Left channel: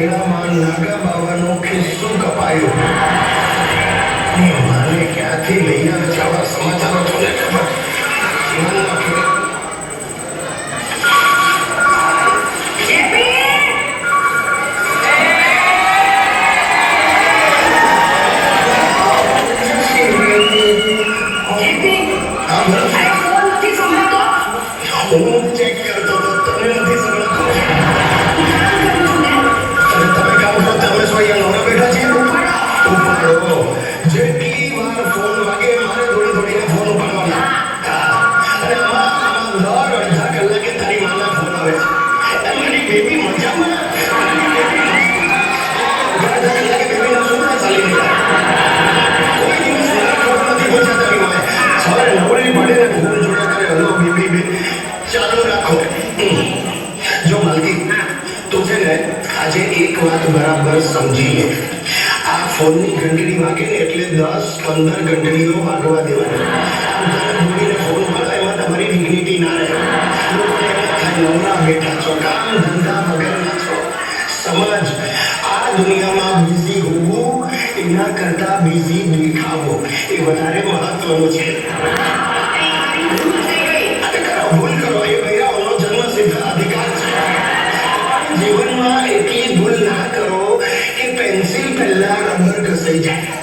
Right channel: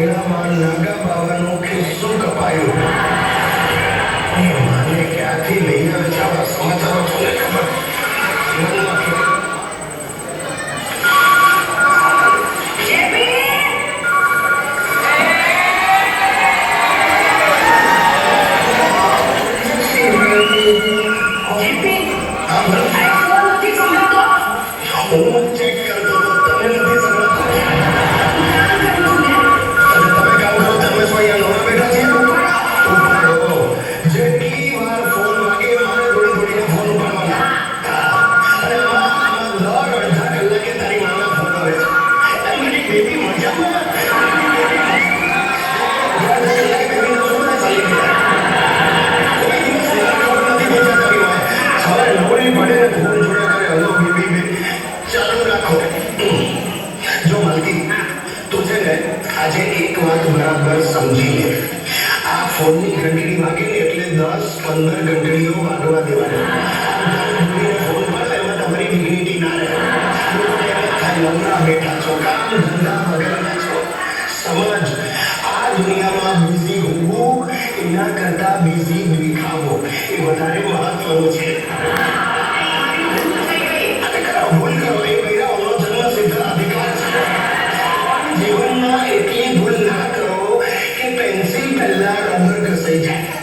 મેળામાં નાગા બાવાનો ખિસ્સો કપાયો. મારે ક્યાંથી લઈ આવે છે આવા સમાચારો? તમને ખબર હું ચેક કરતો હતો, તમે નથી સમજતો. તમે કામ કરો, તમે શું અહીંયા બેઠા છીએ? ઉપાડો. જેટલી વાર ફોન વાગે મારે થોડી થોડીને ફોન ઉપાડવાના. અને આમાં દર અડધા કલાકે તારી માના ફોન આવે છે. મારી બેબી મજામાં ચાલો રાખો. જો માલકી તું છે ને આજે એક વાત બરાબર સમજી લે. આ ફોનની ઘંટડી વાગે ને એટલે 10-15 ઘંટડીઓ વાગવા દેવાના. ફોન મળે એમાં તમારી ડિગ્નિટી ના રહે. બેઠા છો, કામ ધંધા વગરના છો. સમજ, આ દુનિયામાં બિઝી હોવું એના કરતા બિઝી દેખાવો એ વધારે મહત્વનું છે. ભૂલ કરો એ મેળાઓનો જન્મસિદ્ધ અધિકાર છે. જીવનમાં એટલી ભૂલ ના કરો કે પેન્સિલ પહેલા રબર ઘસાઈ જાય.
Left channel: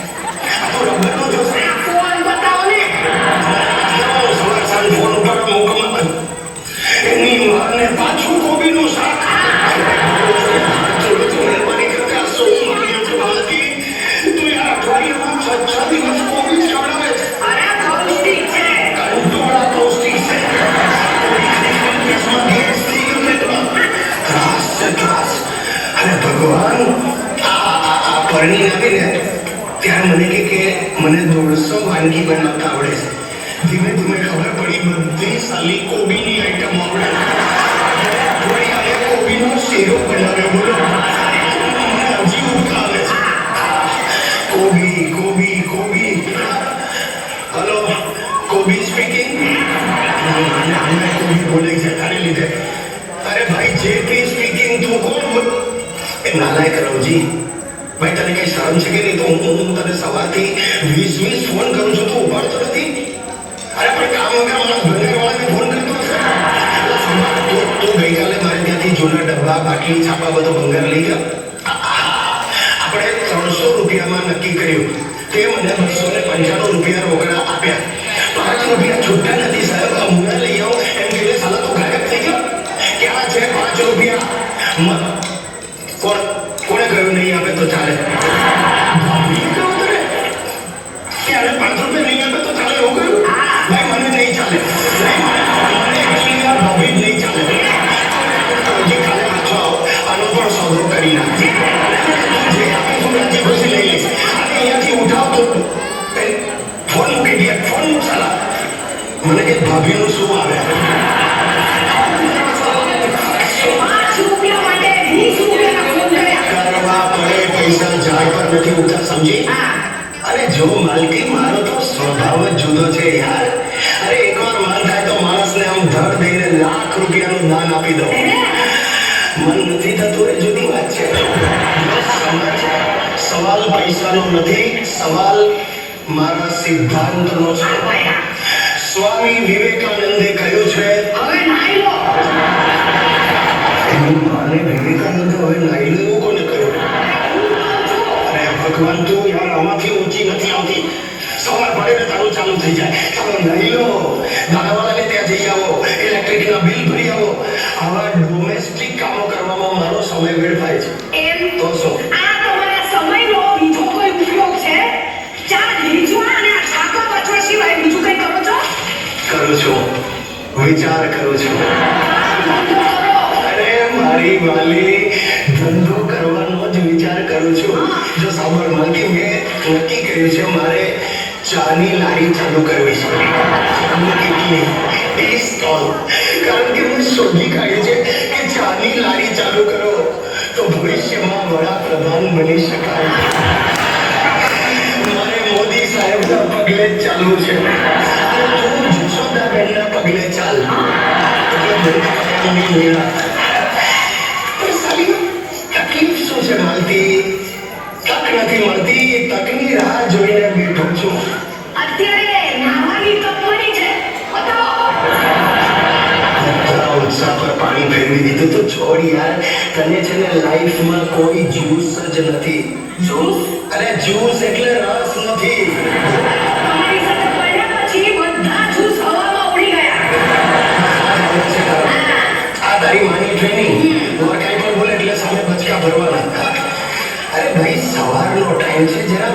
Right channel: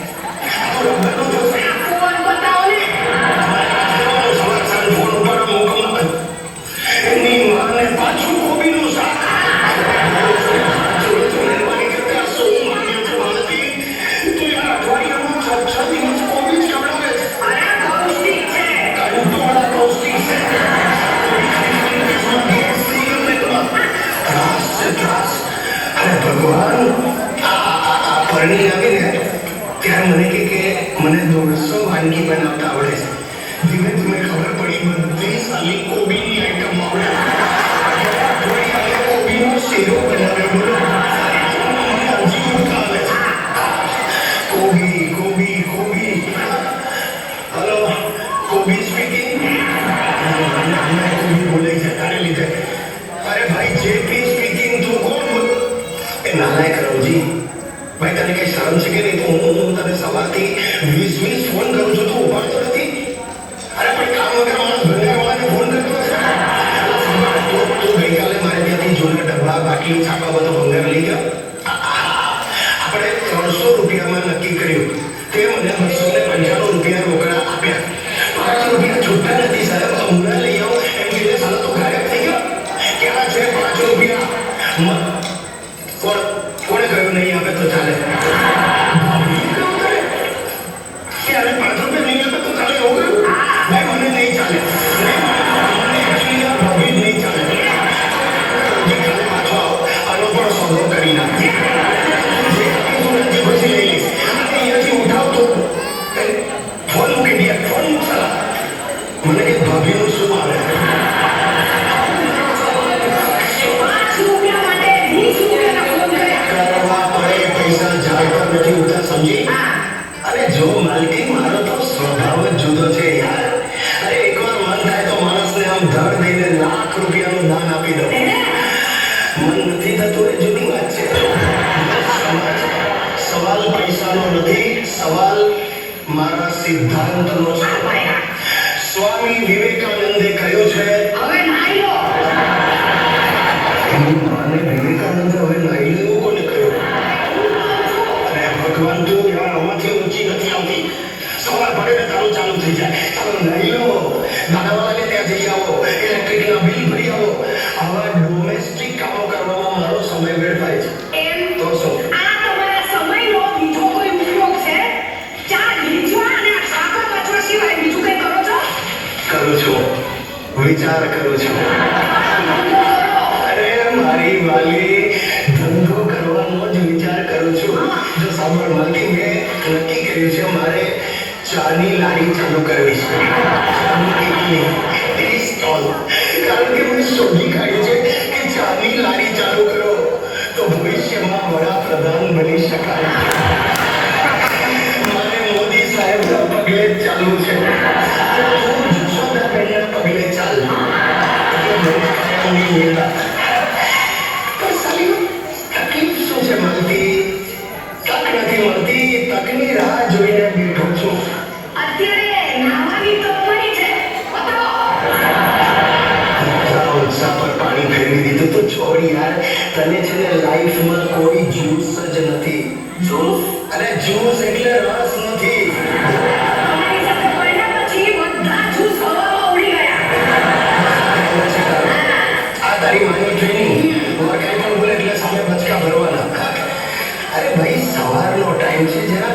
તો રબરનો જો ફોન બતાવો ને, ફોન પર મોકલો એની માને પાછું કોબીનું શાક. મહેરબાની કરતા શું માન્યો છે માલકી? તો યાર અઠવાડિયામાં 6 દિવસ કોબી જ ખવડાવે છે. અરે પૌષ્ટિક છે, પૌષ્ટિક છે. ભગવાન પરણી લાગે ને ત્યારે મને કે મને 150 વાનગી બનાવતા આવડે છે. ધીમે ધીમે ખબર પડી બધી સાલી કોબીની આઈટમ આવડે. કોબીનો શેરો બનાવ્યો. બોલો, મને હજી ઉઠ આવે છે. કોબી કોબી કોબી. હલો, કોબી સ્પીકિંગ. કોબી બોલે છે તારી લીધે. અરે ભાઈ, જે બી સ્પીકિંગ તું કોણ બોલ? એ નાલાયક રવજી, ભાઈ તને કઈ શરમ છે કે નહીં? તો હું તને સવારથી 20 ફોન કરું છું, તું ઉપાડતો નથી. અરે પણ કામ કરવાના ભણવાવાળાને ફોન કરતો છે. તું ગઈકાલે મારે ત્યાંથી જૂના ડબ્બા બાટલી છાપા બધો ભંગાર લઈ ગયા. આપણે 300 રૂપિયામાં નક્કી કર્યું, તે મને 295 રૂપિયા રોકડા આપ્યા. 5 રૂપિયા છૂટા નથી સાહેબ, હમણાં લઈ આવો એમ કહીને સાલા તો ગાયબ થઈ ગયો. ક્યાં છે 5 રૂપિયા? કોણે કહ્યું નહીં આપે તો ચાલે? ક્યારે 5 રૂપિયા નહીં આપે તો ચાલે એવું કહ્યું? ભાઈ મને નહીં ચાલે. ભાભી નહીં ચાલે. હજી કાલે પાછો આવો, આનો પણ સોદો કરી નાખજે. જે આપી તું હજી પછી લઈ લઈશ. અહીંયાથી ઉઠાવતો ફોન મૂકી દે, ફોન ચાલા. મને કે ભાભીનું શું આવે? અરે જો માલકી, મારો તો સ્વભાવ જ જુદો છે યાર. અરે એકવાર મન થાય તો માણસને આમ ધડ દઈને લાખ રૂપિયાનું દાન આપી દો. મન નથી થતું એ જુદી વાત છે. સવાલ પૈસાનો નથી, સવાલ મારા સિદ્ધાંતનો છે. સ્વામી વિવેકાનંદે કહ્યું છે, હવે નાઈ લો. વિવેકાનંદ હવે નાઈ લો કોને કહ્યું? ભગવાન તો યાર આમાંથી ઊંચી નથી આવતી. સવાર પડે ને તારું ચાલુ થઈ જાય. નહીં લો, દાદાવાળાને ત્યાં જઈ આવો, ઇલેક્ટ્રિકના બિલ ભરી આવો. આવા ડોમેસ્ટિક કામો કરવામાં મારો સમય વેડફાય છે. એમ તો શું આ તમારા સમયનો બીજો કોઈ ઉપયોગ છે? ચા ભેજવા અને શાકો કચરો સિવાય બીજું કંઈ કરો છો? કરું છું, વિચાર કરું છું. અરે મારી વાલી, ધંધો કરવાનો જ વિચાર કરું છું. જો સાંભળ માલકી, મેં નક્કી કર્યું છે મારે ચાની લારી ચાલુ કરવી છે. ચાની કેટલી ટી સ્ટોલ. કારણ કે મેં શોધી કાઢી છે કે ચાની લારી ચાલુ કરો તો ભવિષ્યમાં વડાપ્રધાન બની શકાય. મારે મોદી સાહેબના પગલે જ ચાલુ છે. જશોદાબેનના પગલે ચાલ. તકલીફ શું છે યાર તને છે ને લાઈફમાં કોઈ જ્યુસ જ નથી. જ્યુસ અરે જ્યુસ એટલે રસ નથી. તમારી સાથે પડ્યા પછી બધા જ્યુસ હવામાં ઉડી ગયા. આ તારી માનો ટ્રેનિંગ કાંઈ પણ બોલે એટલે સામે બચકા ભરવાના. અરે ભાઈ સવારનો ટાઈમ છે જરા